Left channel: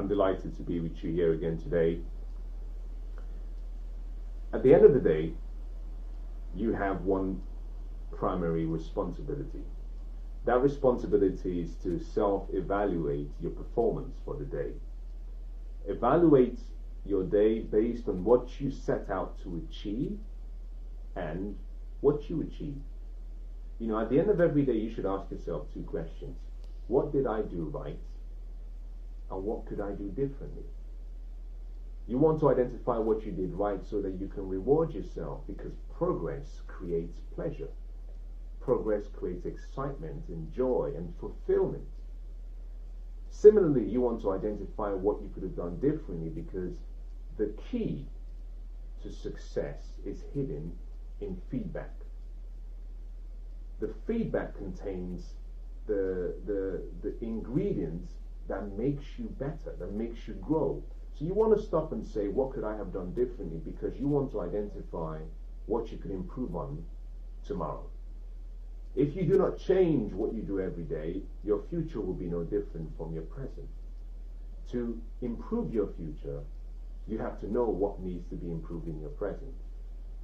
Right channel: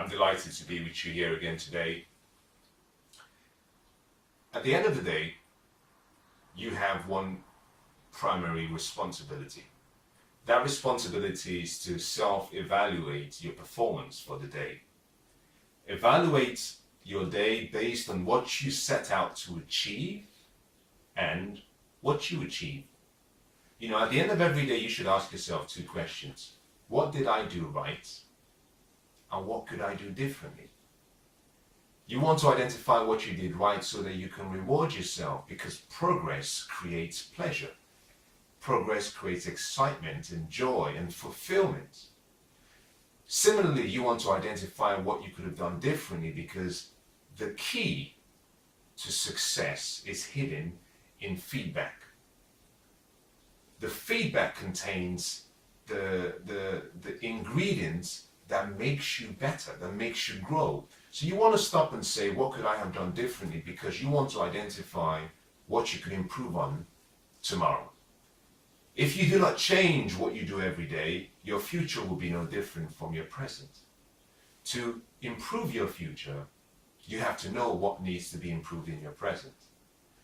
I'm delighted to be with you here again today. At the end of the day, you have one primary responsibility. That responsibility is to self-evaluate your performance for the day. Evaluate your day based on what you set out to achieve and what you achieve. At the end of every day, you should ask yourself two questions. What did I do right? And what could I do differently? You want to identify what you did right so that you can reward yourself, because progress creates pleasure. Progress creates excitement and joy and fulfillment. Similarly, you want to identify what you could have done differently, because the key to success is hidden in feedback. The feedback contains the ingredients that makes you better, that makes you grow. So you want to stop and say, what could I have done differently? Because you want to identify what you could improve on tomorrow. If you do not change what you do every day, your future will be no different from your present. To improve your future, you have to know what needs to be improved in your present.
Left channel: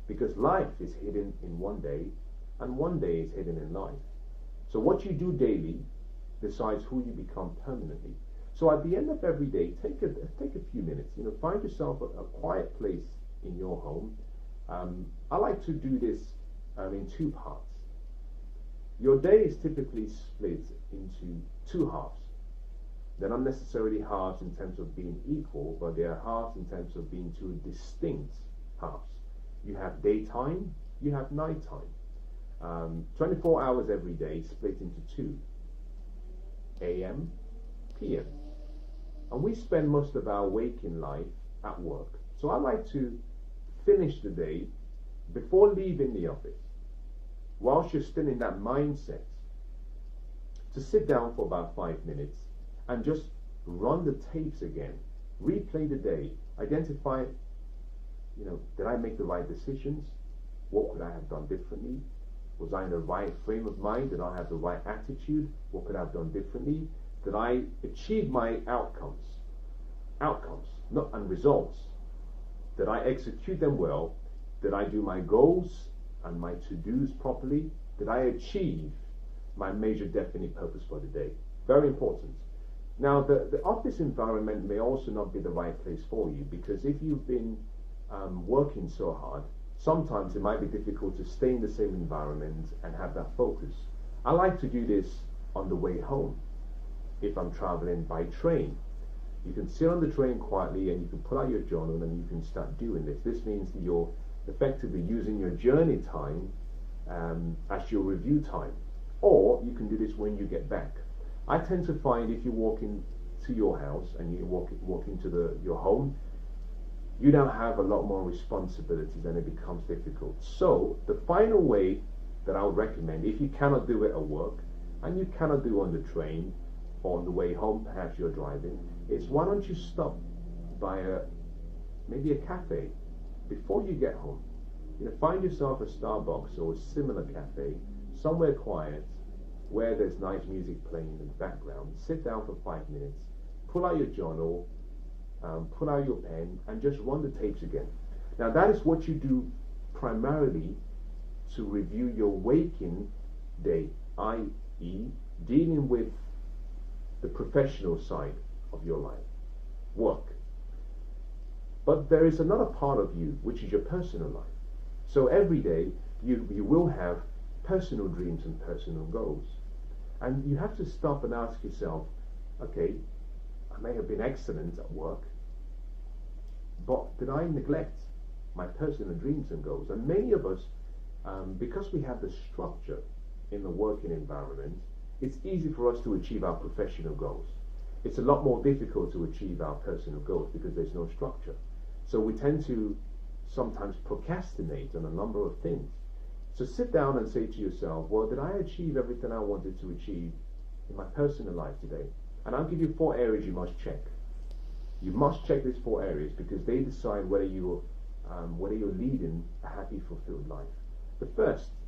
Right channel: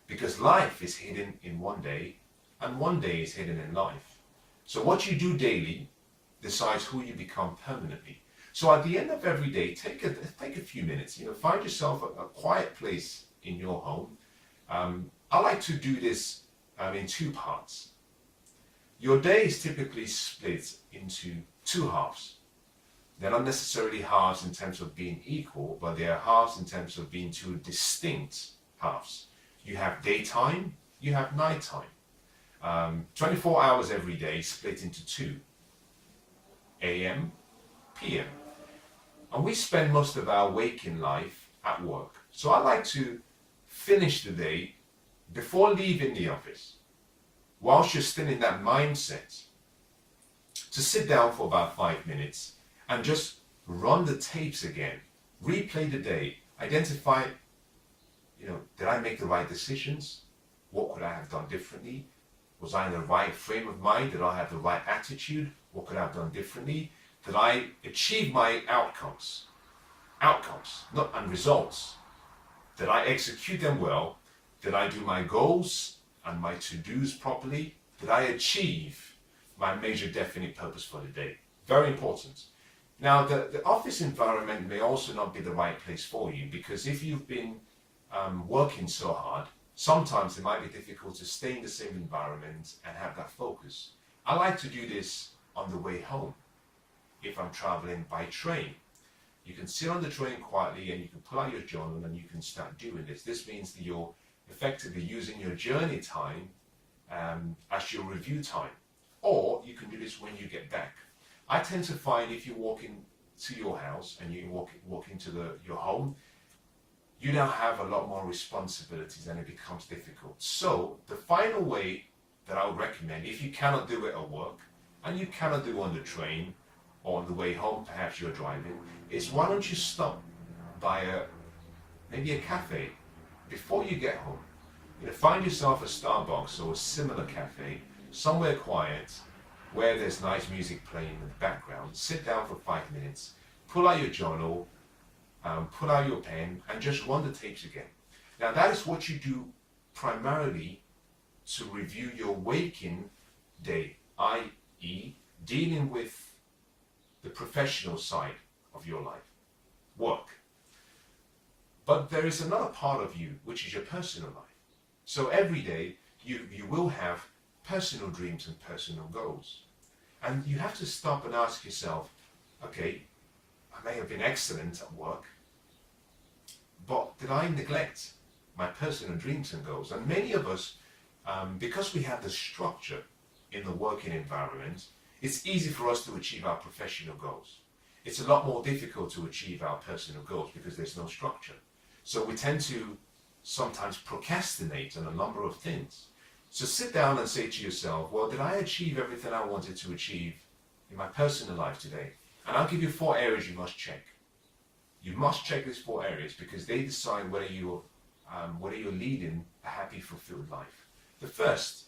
Because life is hidden in one day, and one day is hidden in life. So what you do daily decides who you become permanently. So at the end of every day, take a few minutes. Find yourself a quiet place in your home. I like to do this in two parts. Your day is typically split into two halves. They're not necessarily halves in terms of being equal, but they are halves in terms of being two distinct halves. You have daytime, you have nighttime. 24 hours every day split into two, AM, PM. And we spend most of our waking life at work. So I like to finish the day before leaving the office, whilst you're still in that mindset, to sit down for about 5 minutes and just run the tapes again, replay the day, identify, did I make the right decisions? What could I have done differently? Was I in the right frame of mind? Did I have the right attitude? What could I have done differently? Did I achieve my outcomes, not and results? Did I execute them well? Did I do my goals and my to-dos properly? Did I achieve my major definite purpose for the day? Very important. Now, the office environment may also not be the right place for you, because if you've been working so hard, sometimes it might be difficult to stay in the same environment and have that focus. I like to do this on the way home. If I'm traveling by train, you can sit on the train quietly and you can pull out your journal and you can start doing this. This means that you're effectively using your journey time as your review time. Or you can do this when you get back. I tend to find if you walk into your house and you walk into your home, you now have a lot more responsibilities and it becomes difficult. So the final way that I would recommend, if you cannot do it at work and you cannot do it on the train or on the way home, perhaps you're driving, is why don't you stop by maybe a cafe before you get home. Find yourself a Starbucks or a similar cafe, somewhere quiet, where there's nice music playing in the background. Sit down for 5 minutes, pull out your journal, pull out your pen, and just run the tapes again. Now that is what you do primarily to review your waking day, i.e. dealing with the professional side of your life, work. But there is another part of you, which is your personal life. So every day you will have personal dreams and personal goals. And you have to stop and ask yourself, okay, I may have been excellent at work, but did I neglect my personal dreams and goals? And many of us, because we have the structure in the working environment, it's easy for us to achieve our professional goals. It's a lot more difficult to achieve our personal goals because there's no structure. So we tend to sometimes procrastinate on a number of things. So sit down and say to yourself, well, did I achieve everything I wanted to achieve in my personal life today? And I'll give you 4 areas you must check. You must check these 4 areas because they decide whether you're leading a happy, fulfilled life. The first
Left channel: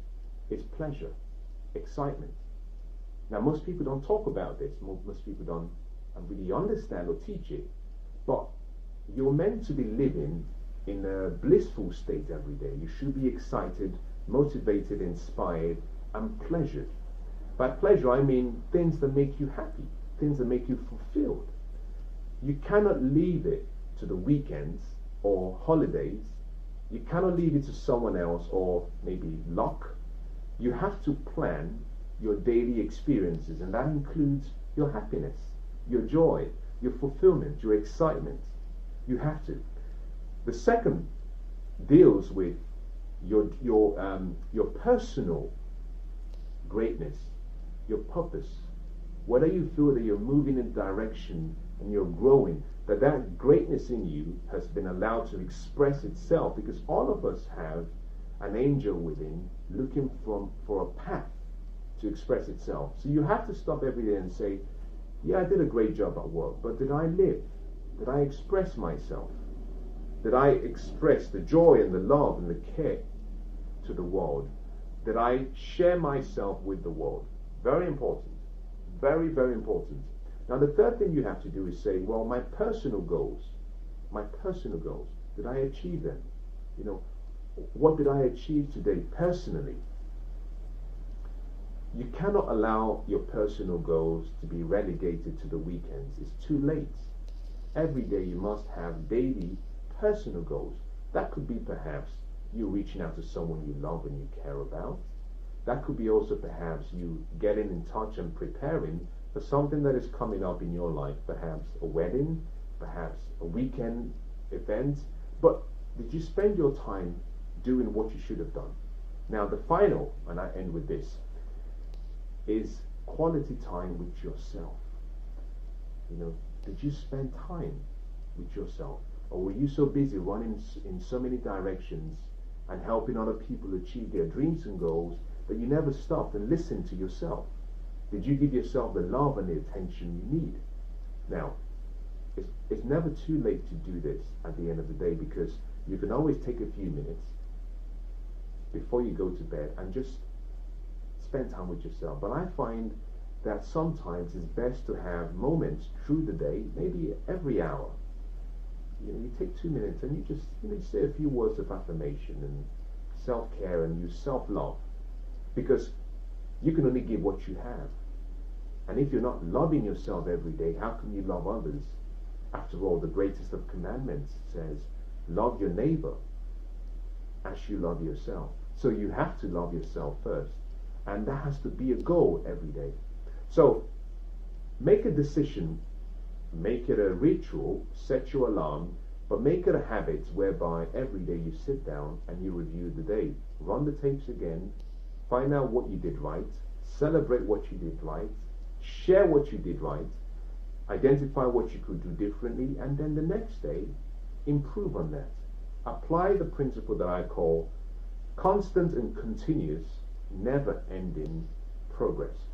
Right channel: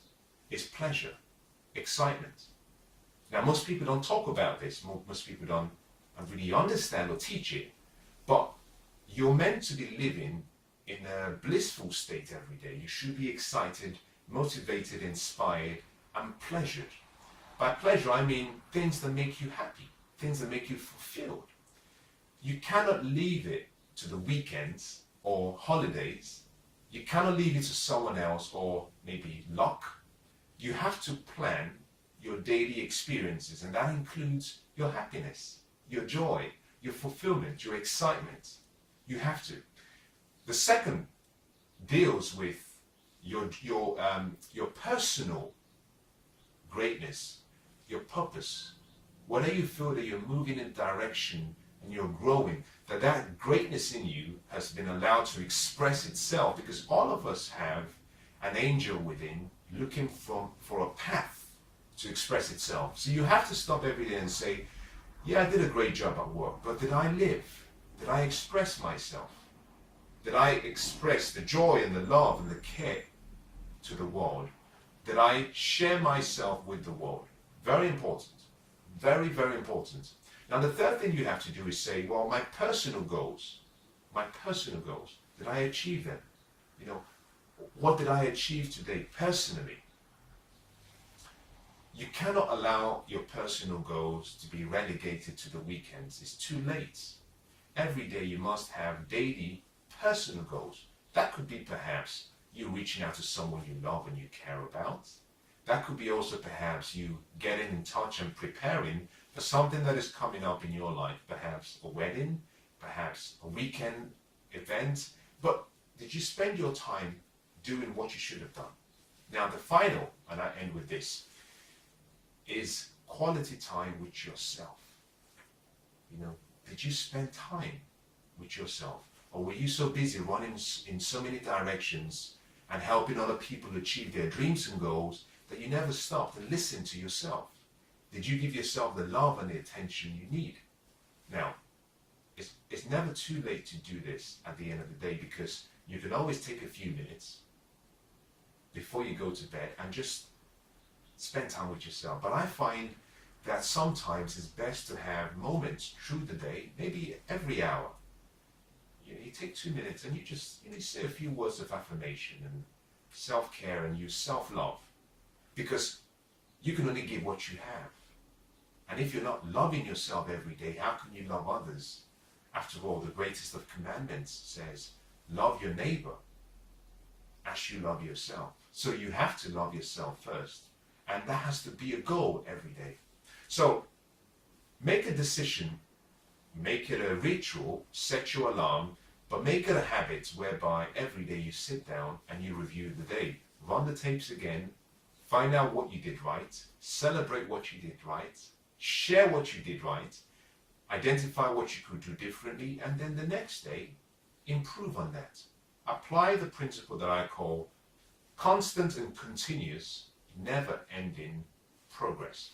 is pleasure, excitement. Now, most people don't talk about this. Most people don't really understand or teach it. But you're meant to be living in a blissful state every day. You should be excited, motivated, inspired, and pleasured. By pleasure, I mean things that make you happy, things that make you fulfilled. You cannot leave it to the weekends or holidays. You cannot leave it to someone else or maybe luck. You have to plan your daily experiences, and that includes your happiness, your joy, your fulfillment, your excitement. You have to. The second deals with your personal greatness, your purpose. Whether you feel that you're moving in a direction and you're growing, that greatness in you has been allowed to express itself, because all of us have an angel within looking for a path to express itself. So you have to stop every day and say, yeah, I did a great job at work, but did I live? Did I express myself? Did I express the joy and the love and the care to the world? Did I share myself with the world? Very important. Very, very important. Now, the third thing you have to do is say, well, my personal goals, did I achieve them? You know, what did I achieve today personally? You cannot allow your personal goals to be relegated to the weekends. It's too late. Every day you must have daily personal goals. That could be perhaps you reaching out to someone you love and you care about. That could be also perhaps you getting in touch and preparing for something that is coming up in your life, perhaps a wedding, perhaps a weekend event. But did you spend your time doing what you should have done? Now, the final, and I end with this, is quality time with yourself. You know, did you spend time with yourself? Or were you so busy running in so many directions and helping other people achieve their dreams and goals that you never stopped and listened to yourself? Did you give yourself the love and the attention you need? Now, it's never too late to do this at the end of the day, because you can always take a few minutes before you go to bed and just spend time with yourself. But I find that sometimes it's best to have moments through the day, maybe every hour. You know, you take 2 minutes and you just, you say a few words of affirmation and self-care and use self-love, because you can only give what you have. And if you're not loving yourself every day, how can you love others? After all, the greatest of commandments says, love your neighbor as you love yourself. So you have to love yourself first. And that has to be a goal every day. So make a decision, make it a ritual, set your alarm, but make it a habit whereby every day you sit down and you review the day. Run the tapes again, find out what you did right, celebrate what you did right, share what you did right, identify what you could do differently, and then the next day, improve on that. Apply the principle that I call constant and continuous, never-ending progress.